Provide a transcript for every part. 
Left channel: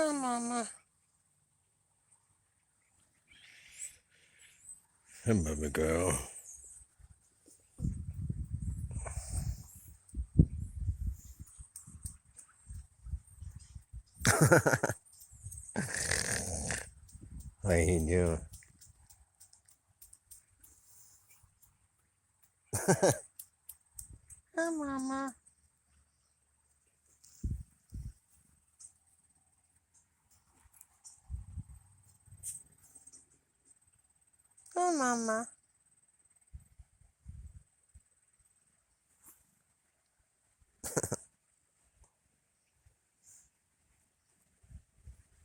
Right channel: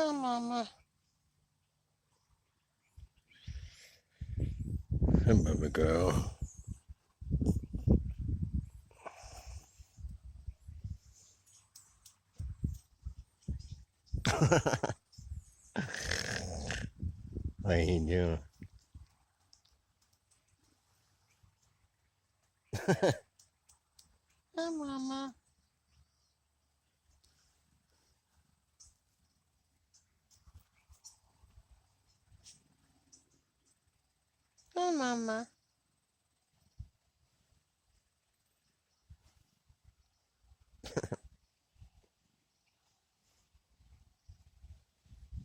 Hi, Mama. Hey, baby girl. How you doing? Hi, Mama. Hi, Mama.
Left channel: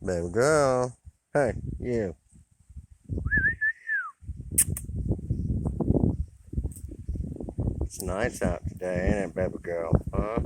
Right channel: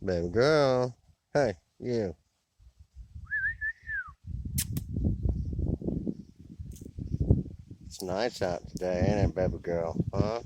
Baby girl. Hey, you. It's nice out today, ain't it, baby girl? Huh?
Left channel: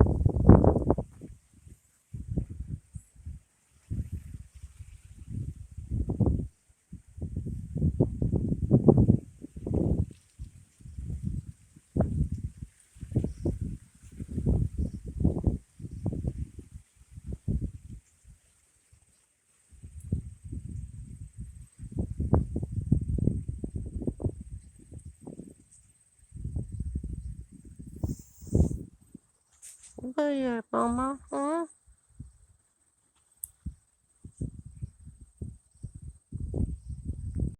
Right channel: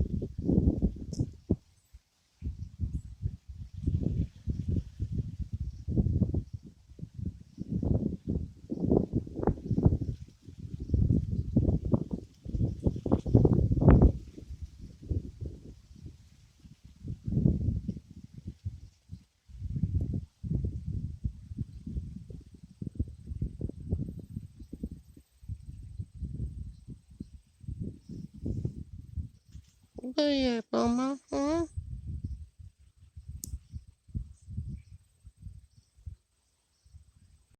Yeah, Mama. Huh?